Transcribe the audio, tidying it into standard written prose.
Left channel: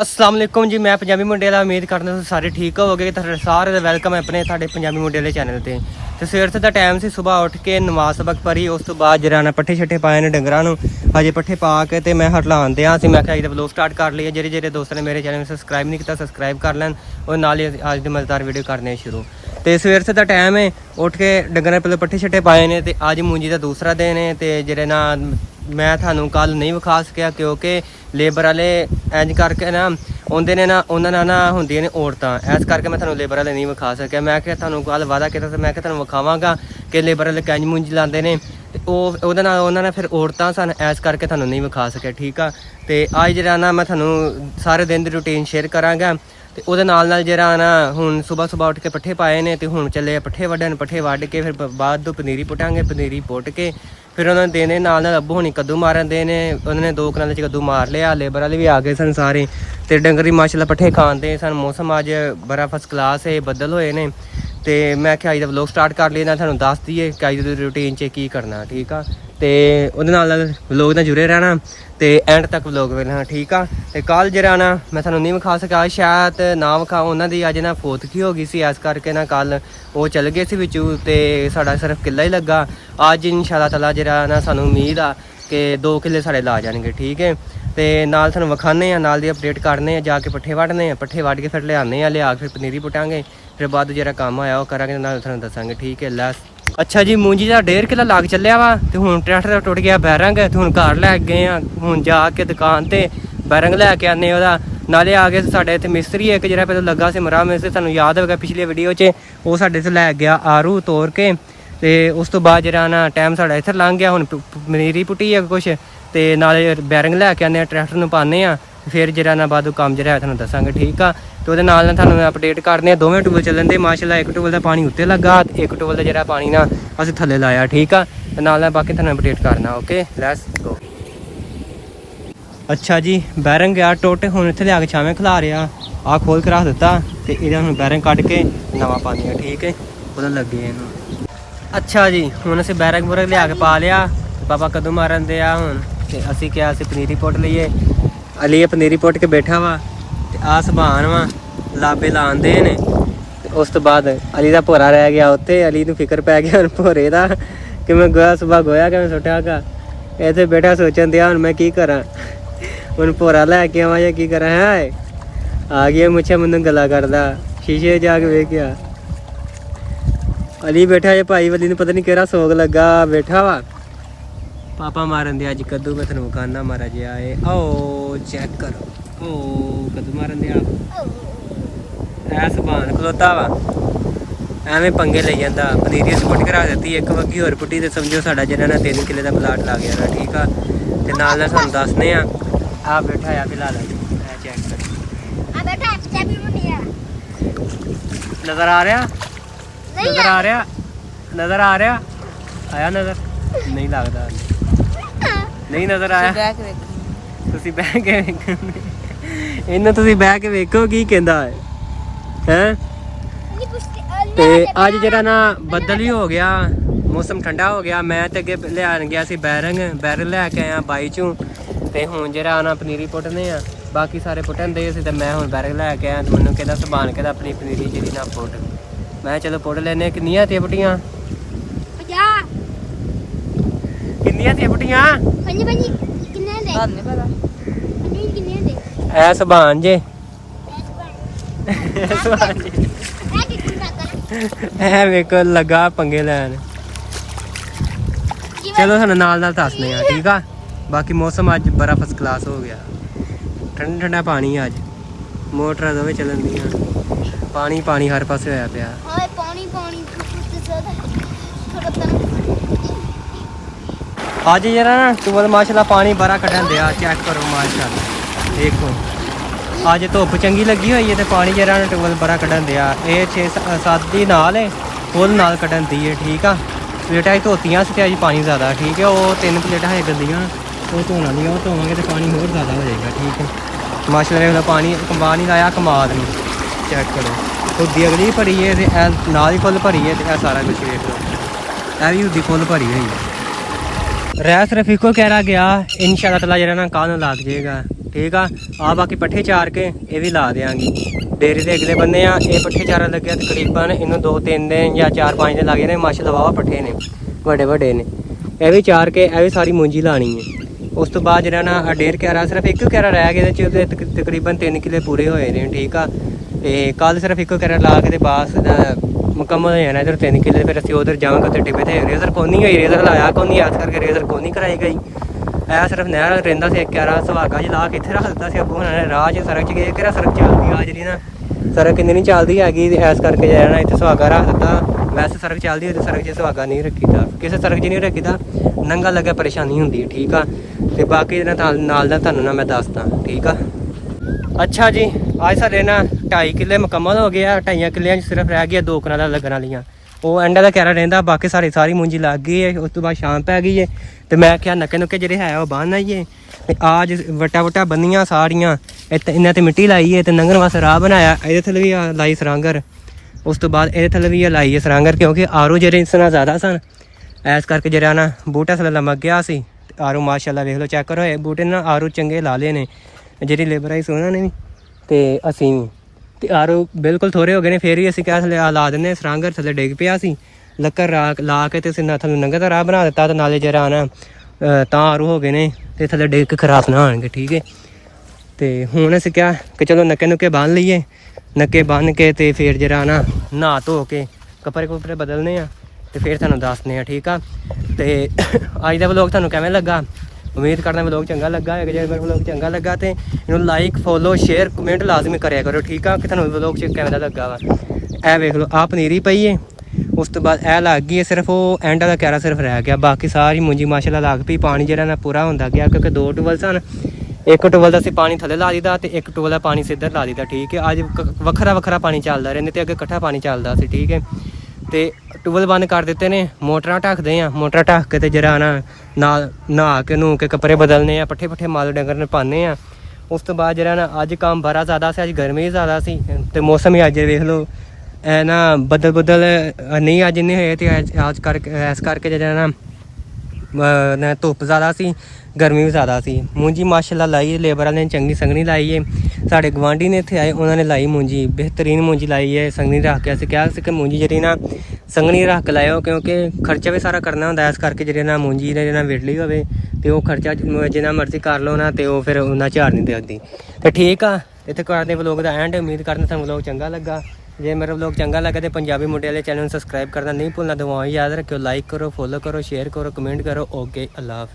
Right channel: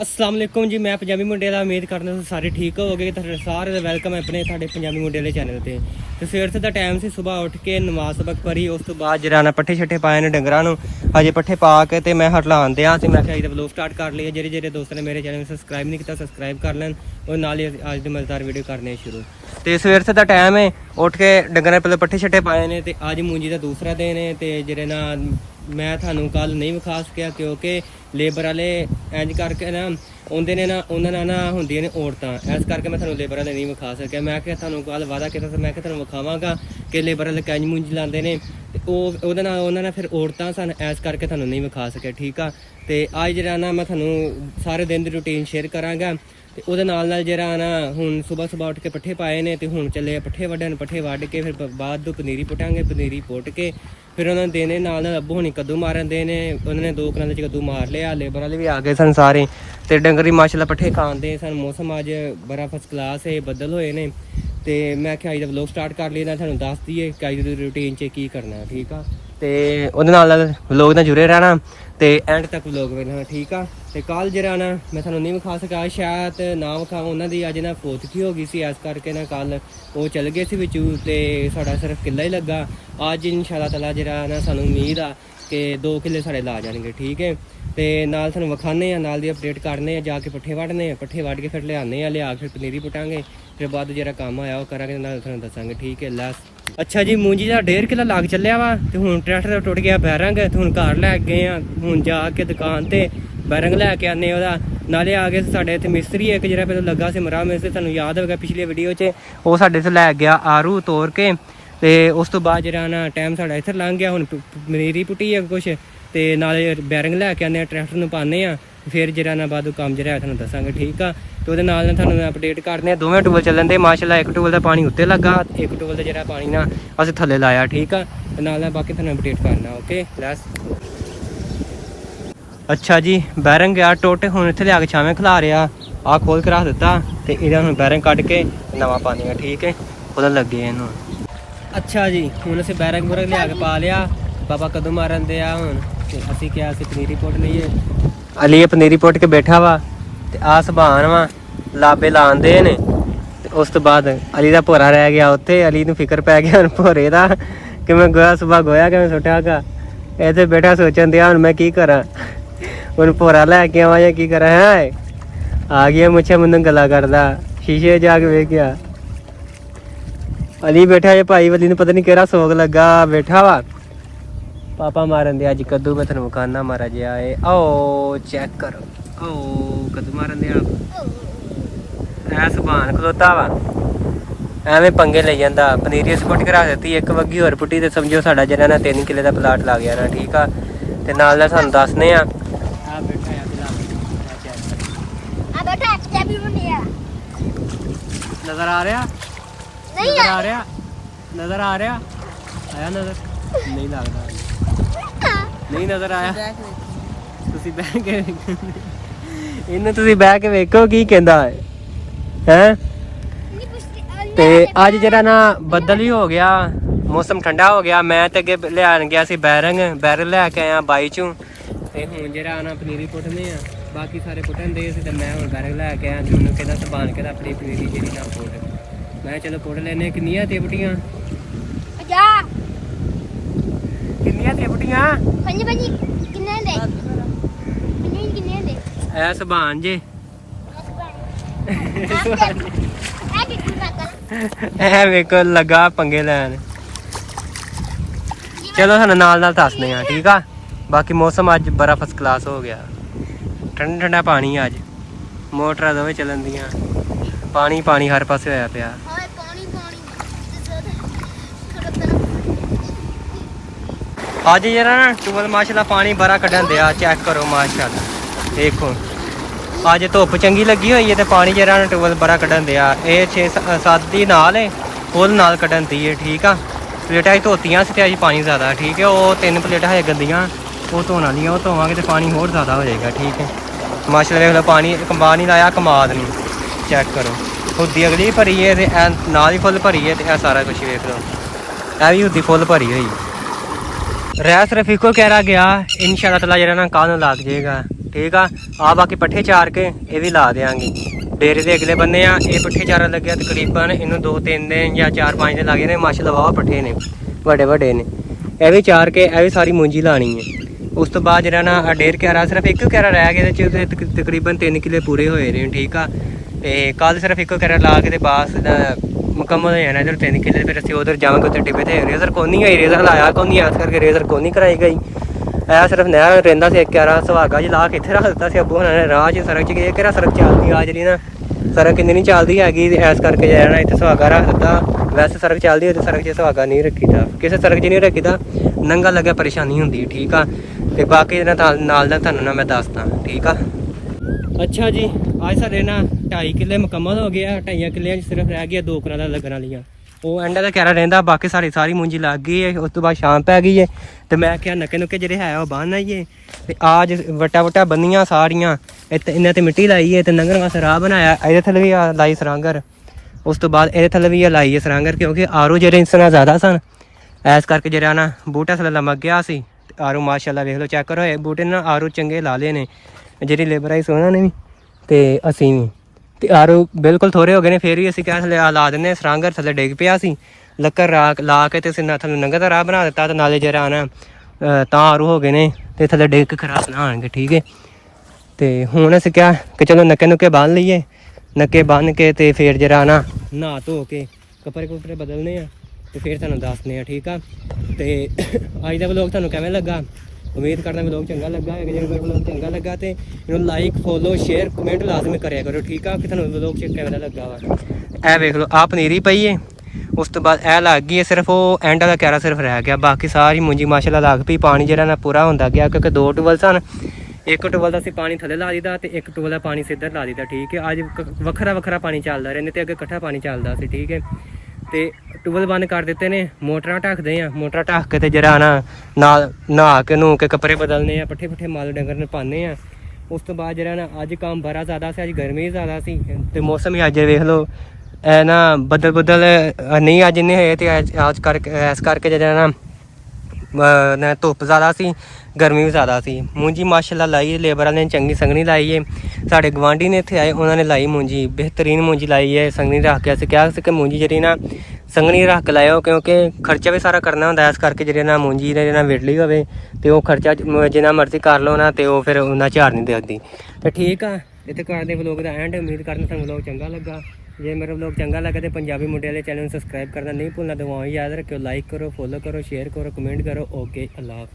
अस्सलाम वालेकुम जी। मैं पंजाबी मुंडे दा उम्मीद करदा तुस सारे ठीक होवोगे। तुहाडे सारे दा वेलकम है अपने तुहाडे पंजाबी मुंडे दे चैनल ते। सवेर दा टाइम सी, सुबह उठ के नमाज सबक पढ़ी, उस तो बाद जरा ना पट्ठे छट्ठे पाए ने डंगरां नूं। अजे पट्ठे पा के ते मैं हटलान दियां सी। मैं अज दा व्लॉग स्टार्ट कर लिया। जेह्ड़े दोस्त ने मेरे चैनल सबसक्राइब नहीं किया सबसक्राइब कर लैन और नाल ही अज दी मजेदार वीडियो करने शुरू। तो सवेर से टाइम है, उठ के डंगर पहले पट्ठे छट्टे पाए ने ते अज मूंजी का दूसरा दिन है। तो जेह्ड़े ना मैं थानू कल नहीं विखा सकिया क्योंकि लेबर वाले इंज करके ना आउंदे ने ना, उन्होंने ना होंदियां ने औरतां, इस करके मैं थानू लेबर वाले नहीं विखा सकिया। मैं क्या थानू कल वादा किया मैं थानू विखावांगा कि लेबर वाले कैंज मूंजी लांदे ने ते ओहदे नाल उन्होंने फिर औरतां सन, इस करके थानू नहीं विखा सकिया। ठीक आ, ते अज जेह्ड़ा ना मैं थानू सारे दिन दी रूटीन शेयर करांगा। ते ओहदे नाल जेह्ड़ा ना हुण सुबह सुबह उठ के पट्ठे पाए ने ते हुण चले पट्ठे वड्डन। पट्ठे वड्ड के फिर बाद पनीरी पुटांगे, पनीरी पुट के फिर उन्होंने देने नाल अब्बू होनी कद्दू मारन देने। उन्होंने 2 कनाल च कद्दू मार लिया। लेबर वाले भी आ गए सन सारे, ते डंगरी माशाल्लाह पट्ठे खांदे सन। मौसम अज बड़ा फर्स्ट क्लास है, बदल होए ने। तो मैं क्या अज दा व्लॉग स्टार्ट कर लिया, थानू दस दईए कि अज दी रूटीन च की करना। ठीक आ, तो उहदे नाल व्लॉग नाल जुड़े रहना तो एंड तक व्लॉग वेखना। ठीक आ, तो कल जरा ना मैं थानू नहीं विखा सका, शायद ना विखा, उन्होंने अज ना फोतकी हो गई सी, इस करके ना कल वो चल गए सी विचू, तो साडा सिर्फ किला ही लगा। अज इंशाअल्लाह ताला जरा ना सानू उम्मीद आ कि 2 किले साढ़े ला जाएंगे। ठीक है, तो नाल थानू विखाने नाल दी अपडेट करने, जाके पट्ठे वड्डने, पट्ठे वड्ड के फिर लियाने, लिया फिर पनीरी पुटांगे, फिर बाद जरा काम होया वो करांगे, नाल थानू दसांगे। ठीक है, लैस अच्छा जी। मूंजी का 1.5 किलो लग चलिया वा, तो हुण ट्रैक्टर टुट गया बैरंग, तो हुण घर लै गए आ। हुण जाके दुकान ते बैरंग लैके आने ओहदा, नाले आ गए साढ़े इत्थे मिस्त्री एक जरा पहले लगा से मरा मिस्त्री, तुहानू याद होगा पिछली वीडियो च वो साढ़े इत्थे लै गया आरू तोड़ के। तो उस तो बाद जरा ना टाइम साढ़ा इत्थे लंघ गया। हुण पनीरी पुट्टी है कुछ, तो नाले बैरंग लैके आने, ट्रैक्टर नूं पाने आ, फिर जरा ना बाद काम जरा है थानू दसांगे। ठीक आ, तो वो नाल थानू अपडेट करने। दोवें टूबल चलन दे माशाल्लाह, एक टूबल का पानी उत्ते लगा, एक टूबल का जरा पानी ना अस थले लाया। ठीक आ, तो नाल बाकी थानू अपडेट करना। Okay, let's go. अच्छा जी, बैरंग गया टुट, हुण इत्थे लिया के छावें खिला रहा, आ खोल के रख दिता, तो इहदा हुण बैरंग कढ के नवा पानी है। ठीक है, ओहदा लगे इहनूं। अच्छा जी, हुण असीं बैरंग बूरंग लिया के पा लिया, पापा कद्दू मारन दे आ हुण, ते असीं क्या असीं पनीरी पुट लईए। अली पनीरी पुट के बैठा वा, ते आ सभान वा लाबे लांदे ने। उस तो बाद अली का भोरा रह गया उत्थे, अली नूं फिक्र पै गया भोरे का कि मैं गोया सुबह गोया कि मैं सुट्टा गा, इत्थे बैठा सोचन दिया हुण मैं की करा, हुण भोरा लैके आवां या की करा। है आ गया मुझे मैनूं गल्लां करदा, शीशे जाके वेखिया अली बैठा है भाई, अली नूं पता नहीं केड़ा सोग लगा बैठा वा। पापा मारन दे अज कद्दू, मैं थानू विखाना मारा जिहा है। आओ चेक करो, ओ कद्दू मारन दे ऐ सभान खलोता वा, एवें पंगे ले जांदा। पनीरी अस पुट के रख दित्ती, एक वग्गी होर पुट्टी, तो समझो साडा जेह्ड़ा ना 3 किले का प्लाट लग गया ना। ठीक आ, ते नाल सानू दसने आ बैठा है फिलहाल, ऐ चेक कर नजर आ रहा, नजर आ रहा, नजर आ रहा, आया नजर नहीं लगता, नहीं नजर आया। तुसीं बह के इन्नू तुसीं बह के वेखो की कहंदा है। ते अज जरा ना बदल ही हो गया, मौसम ठंडा हो गया। मैं तो अगे लियान गया सी बैरंग लैके आया बाई चों, ते हुण जरा ना पनीरी पुट्टने आ, बाकी सारे पुट्टन दे सी, ते मैं हुण बैरंग लैके आया। ते मैनूं कहंदा सभान कहंदा अपनी पनीरी जेह्ड़ी ना पुट, मैं चलो पुट लैने। किन्नियां ते पुट्टियां, किन्नियां ते पुट्टियां ऐ सभान जे ऐ वेखो लगा पंगे लैन। चलो थानू नाल नाल दसने आ। ठीक आ, बाकी मौसम अज बड़ा फर्स्ट क्लास हो गया, ठंडा ठंडा पानी अज, मोटरां दोवें चलन दियां, पानी पानी हर पासे होया पिया। अज जरा ना टूबल माशाल्लाह पानी बड़ा कड्ढन दिया, चेक करो माशाल्लाह। देखो अज धुप्प चंगी लगी हुई है, तो पानी जरा ना टूबल बड़ा कड्ढन दिया। ये 6-7 दी नाल है, फुल नाल कड्ढन दी है। ठीक आ, प्लेटां धोतियां सी, अज पानी ज़्यादा। ठीक है, वो 3 प्लेटां है गंदियां, वो धोना नहीं, वो धोवांगे तो पानी होर ज़्यादा हो जाएगा। ठीक है, माशाल्लाह देख लो पानी कमा नहीं लाया, कमाद नहीं, चेक करो। खुदी अगली भरी है, नाल ही फुल भरी है, तो सारा कुछ वेख लो, यह भी खुदी फुल भरी हुई है। रह सिर्फ इको कह रहा गया, इंशाअल्लाह ताला जरा ना कल लग जाएगा। ਠੀਕ ਆ ਬਾਕੀ ਪੱਠੇ ਚਾਰ ਕੇ ਇਹ ਵੀ ਲਾ ਦੇਾਂਗੇ। ਡੇਰੇ ਦੇ ਅਗਲੇ ਬੰਨੇ ਆ ਇਹ ਪੱਠੇ ਚਾਰਨ ਲੱਗਿਆ ਤਕਰੀਬਨ ਇਹਨੂੰ 2-3 ਦਿਨ ਜਾਂ 4-5 ਦਿਨ ਲੱਗ ਜਾਣੇ। ਮਾਸ਼ਾਅੱਲਾ ਵਾਹ ਪੱਠੇ ਨੇ ਵੱਡੇ ਨੇ। ਇਹ ਵੀ ਚਾਰ ਕੇ ਇਹ ਵੀ ਸਾਰੀ ਮੂੰਜੀ ਲਾਣੀ ਹੈ। ਉਸ ਤੋਂ ਬਾਅਦ ਜਿਹੜਾ ਨਾ ਆ 1.5 ਕਿਆਰਾ ਸਿਰਫ 1 ਕਿਆਰਾ ਰਹਿ ਗਿਆ, ਇਹਦੇ 'ਚ ਤਕਰੀਬਨ 3 ਕਿੱਲੇ ਪੂਰੇ ਹੋਏ ਨੇ। ਠੀਕ ਆ ਤੇ ਕੱਲ ਸਿਰਫ 1 ਕਿਆਰਾ ਲਾ ਕੇ ਤੇ ਬਾਸ ਮੁਕੰਮਲ ਹੋ ਜਾਣਾ। ਇੱਧਰ 3 ਕਿੱਲੇ ਫਿਰ ਅਸੀਂ ਉਧਰ ਜਾਵਾਂਗੇ। ਉੱਥੇ ਟਿੱਬੇ ਤੇ ਰੇਜ਼ਰ ਕੋਨੀ ਹੋਈ, ਰੇਜ਼ਰ ਲਾਇਆ ਕੋਨੀ, ਇਸ ਕਰਕੇ ਰੇਜ਼ਰ ਕੋਨੀ ਕਰਾਈ ਗਈ। ਐ ਸਿਰਫ ਨਹਿਰ ਰਹਿੰਦਾ ਸੀ 1 ਕਿਆਰਾ ਸੁਹਾਗਾ ਜੀ ਲਾ ਕੇ ਇੱਥੇ ਰੱਖ ਦਿੱਤਾ ਸੀ ਅੱਬੂ ਉਹਨਾਂ ਨੇ। ਰਾਹ 'ਚ ਸੜਕ 'ਚ ਗਏ ਕਿਹੜਾ ਸੜਕ ਚੱਲਦੀ ਆ ਜਿਹੜੀ ਨਾ ਸੜਕ ਇੰਨੀ ਨਹੀਂ ਚੱਲਦੀ ਹੈਗੀ, ਇਸ ਕਰਕੇ ਜਾਣਾ ਇੱਥੇ ਸੁਹਾਗਾ ਰੱਖ ਦਿੱਤਾ। ਵੈਸੇ ਸੜਕ ਚੱਲਦੀ ਹੈ ਤੇ ਸੜਕ 'ਚ ਸੁਹਾਗਾ ਨਹੀਂ ਰੱਖੀਦਾ, ਕਿਸੇ ਸੜਕ 'ਚ ਨਹੀਂ ਰੱਖੀਦਾ, ਨੰਗਾ ਲੱਗਾ ਪਰੇਸ਼ਾਨੀ ਹੁੰਦੀ ਹੈ। ਠੀਕ ਆ ਤੇ ਬਾਕੀ ਇਹਨਾਂ ਨਾਲ ਦਾ ਤੁਹਾਨੂੰ ਨਾ ਮੈਂ ਦੱਸਦਾ। ਠੀਕ ਆ ਅੱਛਾ ਜੀ ਅੱਜ ਸਾਡੇ ਨਾ 2.5 ਕਿੱਲੇ ਮੁਕੰਮਲ ਹੋ ਗਏ ਆ। 2.5 ਕਿੱਲਿਆਂ 'ਚ ਸਿਰਫ ਰਹਿ ਗਿਆ 2 ਕਨਾਲਾਂ ਲੱਗਣ ਵਾਲੀਆਂ। ਉਹ ਐਂਡ ਦਾ ਕਿਆਰਾ ਰਹਿੰਦਾ, ਬਾਕੀ ਸਾਰੀ ਮੂੰਜੀ ਲੱਗ ਗਈ ਹੈ। ਉਸ ਤੋਂ ਬਾਅਦ ਸ਼ਾਮ ਪੈ ਗਈ ਹੈ ਤੇ ਮੈਂ ਕਿਹਾ ਨੱਕੇ ਨੁੱਕੇ ਜਿਹੜੇ ਹੈ ਉਹ ਬੰਨ ਆਈਏ ਤੇ ਆਜ ਵਟਾ ਬੰਨੀਆਂ ਸਾਰੀਆਂ ਇਹਨਾਂ ਤੇ ਮਿੱਟੀ ਲਾਈ ਹੈ ਤੇ ਲੰਘਣ ਵਾਸਤੇ ਰਾਹ ਬਣਾਇਆ। ਇਹਦੇ ਥੱਲੇ ਵੀ ਲਾਈ ਸਰਾਂਗਰ। ਉਸ ਤੋਂ ਬਾਅਦ ਇਹਦੇ ਥੱਲੇ ਵੀ ਲਾਈ ਹੈ ਸਰਾਂਗਰ, ਕਿਉਂਕਿ ਆਰੋ ਜਿਹੜੇ ਇਸ ਨਾਲ ਜ਼ਿਆਦਾ ਸਨ ਇਸ ਕਰਕੇ ਜਿਹੜਾ ਨਾ ਬੂਟਾ ਥੱਲੇ ਲਮਕ ਗਿਆ ਸੀ। ਤੇ ਆਰੋ ਮਾਸ਼ਾਅੱਲਾ ਵੇਖ ਲਓ ਚੈੱਕ ਕਰੋ, ਇਹ ਬੂਟੇ ਨਾਲ ਆਰੋ ਚੰਗੇ ਲਾ ਲਏ ਨੇ ਜਿਹੜੀ ਲੇਬਰ ਆਈ ਸੀ ਉਹਨਾਂ ਨੇ ਵੀ ਤੇ ਅਸੀਂ ਵੀ। ਤੇ ਆਰੋ ਬਿਲਕੁਲ ਥੋੜੇ ਹੋ ਗਏ ਨੇ, ਫਿਰ ਵੀ ਅਸੀਂ ਕਿਹਾ ਥੱਲੇ ਲਾ ਦਿੰਦੇ। ਸਰਾਂਗਰ ਥੱਲੇ ਡਿੱਗ ਪਿਆ ਸੀ, ਲੱਕੜ ਲਾ ਕੇ ਤੇ ਅਸੀਂ ਥੱਲੇ ਨੰਗਾ ਦਾ ਰਾਹ ਬਣਾ ਦਿੱਤਾ ਤੇ ਨਾਲੇ ਜਿਹੜਾ ਨਾ ਤਾਂ ਆਰੂ ਹੋ ਗਏ ਨੇ ਤੇ ਥੱਲੇ ਡਿੱਗ ਕੇ ਖਰਾਬ ਨਾ ਹੋਣਗੇ। ਠੀਕ ਹੈ ਤੇ ਹੁਣ ਅਸੀਂ ਕਿਹਾ ਕਿ ਚਲੋ ਨੱਕੇ ਨੁੱਕੇ ਬੰਨ ਲਈਏ। ਨੱਕੇ ਬੰਨ ਕੇ ਤੇ ਫਿਰ ਜਿਹੜਾ ਨਾ ਨਹਾ ਧੋ ਕੇ ਕੱਪੜੇ ਕੁਪੜੇ ਬਦਲਨੇ ਆ ਤੇ ਫਿਰ ਤੁਹਾਨੂੰ ਦੱਸਦੇ ਆ। ਠੀਕ ਆ ਤੇ ਅੱਜ ਦਾ ਵਲੋਗ ਤੁਹਾਨੂੰ ਕਿਵੇਂ ਲੱਗਾ? ਉਮੀਦ ਕਰਦਾ ਵਲੋਗ ਚੰਗਾ ਲੱਗਾ ਹੈ। ਜੇ ਵਲੋਗ ਚੰਗਾ ਲੱਗਾ ਤੇ ਇਹਨੂੰ ਲਾਈਕ ਫੋਲੋ ਸ਼ੇਅਰ ਕਮੈਂਟ ਲਾਜ਼ਮੀ ਕਰਿਆ ਕਰੋ। ਠੀਕ ਆ ਕਿ ਤੁਹਾਨੂੰ ਵਲੋਗ ਚ ਕਿਵੇਂ ਦਾ ਲੱਗਾ ਵਾ। ਇਹ ਵੇਖ ਲਓ ਆਹ ਪਨੀਰੀ ਪਈ ਹੈ, ਉਸ ਤੋਂ ਬਾਅਦ ਇਹ ਲੱਗ ਗਈ ਹੈ, ਸਿਰਫ ਉਹ ਐਂਡ ਵਾਲਾ ਕਿਆਰਾ ਸਿਰਫ ਰਹਿ ਗਿਆ, ਬਾਕੀ ਸਾਰੀ ਮੂੰਜੀ ਮਾਸ਼ਾਅੱਲਾ ਲੱਗ ਪਈ। ਪਾਣੀ ਜਿਹੜਾ ਨਾ ਪੂਰਾ ਹੁੰਦਾ ਗਿਆ ਕਿਉਂਕਿ 2 ਟੂਬਲ ਸਨ। 1 ਟੂਬਲ ਦਾ ਅਸੀਂ ਪਾਣੀ ਥੱਲੇ ਲਾ ਦਿੱਤਾ ਤੇ 1 ਟੂਬਲ ਦਾ ਪਾਣੀ ਸਿੱਧਰ ਲਾ ਦਿੱਤਾ। ਠੀਕ ਹੈ ਅੱਜ ਵੱਖਰਾ ਪਾਣੀ ਚੱਲਦਾ ਰਹਿੰਦੇ ਤੇ ਅੱਗੇ ਇਕੱਠਾ ਪਾਣੀ ਚੱਲਦਾ ਸੀ। ਠੀਕ ਹੈ ਤੇ ਟੂਬਲ ਬੰਦ ਕਰ ਦਿੱਤੇ ਨੇ, ਮੋਟਰਾਂ ਢੱਕਦੇ ਆ। ਮੋਟਰਾਂ ਢੱਕ ਕੇ ਤੇ ਜਿਹੜਾ ਨਾਲ ਨਹਾ ਕੇ ਨੂ ਕੇ ਕੱਪੜੇ ਬਦਲਨੇ ਆ, ਪੱਠੇ ਮਾਲ ਡੰਗਰ ਨੂੰ ਪਾਉਂਦੇ ਆ। ਉਸ ਤੋਂ ਬਾਅਦ ਜਿਹੜਾ ਨਾ ਅੱਜ ਕੰਮ ਬੜਾ ਜ਼ਿਆਦਾ ਸੀ, ਅੱਜ ਗਰਮੀ ਜ਼ਿਆਦਾ ਸੀ ਤੇ ਮੌਸਮ ਹੀ ਅੱਜ ਵੇਖ ਲਓ ਇਹ ਨਾ ਬੱਦਲ ਨਹੀਂ ਅੱਜ ਇੰਨੇ ਹੋਏ ਤੇ ਇਸ ਕਰਕੇ ਜਿਹੜਾ ਨਾ ਧੁੱਪ ਜ਼ਿਆਦਾ ਸੀ, ਗਰਮੀ ਵੀ ਜ਼ਿਆਦਾ ਸੀ। ਮੂੰਜੀ ਮਾਸ਼ਾਅੱਲਾ ਲਾਈ ਲੇਬਰ ਵਾਲਿਆਂ ਨੇ ਚੰਗੀ ਸੰਘਣੀ ਲਾਈ ਹੈ। ਸਾਡੇ ਗਵਾਂਢੀ ਨੇ ਇੱਥੇ ਆਏ, ਉਹਨਾਂ ਨੇ ਲਾਈ ਮੂੰਜੀ, ਬਿਹਤਰੀਨ ਮੂੰਜੀ ਲਾਈ ਹੈ ਸੰਘਣੀ ਰੱਖ ਕੇ। ਅਸੀਂ ਕਿਹਾ ਸੀ ਕਿ ਮੂੰਜੀ ਜਿਹੜੀ ਨਾ ਸੰਘਣੀ ਰੱਖ ਕੇ ਲਾਇਓ ਕਿਉਂਕਿ ਖਰਚਾ ਵੀ ਸਾਰਾ ਕਰਨਾ ਹੁੰਦਾ। ਇਸ ਕਰਕੇ ਜਿਹੜੇ ਨਾ ਮੂੰਜੀ ਦੇ ਨਾ ਵਿੜਲੀ ਹੋਵੇ ਤੇ ਉਹ ਖਰਚਾ ਜਿੰਨਾ ਮਰਜ਼ੀ ਕਰ ਲਓ ਨਾ ਤੇ ਉਹ ਫਿਰ ਉਹਨਾਂ ਝਾੜ ਨਹੀਂ ਦਿੰਦੀ। ਤੇ ਠੀਕ ਆ ਇੱਥੇ ਕਰਦੇ ਵਲੋਗ ਦਾ ਐਂਡ। ਉਮੀਦ ਕਰਦਾ ਤੁਹਾਨੂੰ ਵਲੋਗ ਚੰਗਾ ਲੱਗਾ। ਜੇ ਮੇਰਾ ਵਲੋਗ ਚੰਗਾ ਲੱਗਾ ਤੇ ਪੰਜਾਬੀ ਮੁੰਡੇ ਵਾਲੇ ਚੈਨਲ ਨੂੰ ਸਬਸਕ੍ਰਾਈਬ ਕਰਨਾ ਨਹੀਂ ਭੁੱਲਣਾ। ਦੁਆਵਾਂ ਯਾਦ ਰੱਖਿਓ, ਲਾਈਕ ਕਰੋ, ਫੋਲੋ ਕਰੋ, ਸ਼ੇਅਰ ਕਰੋ, ਕਮੈਂਟ ਕਰੋ। ਓਕੇ ਅੱਲਾ ਹਾਫਿਜ਼।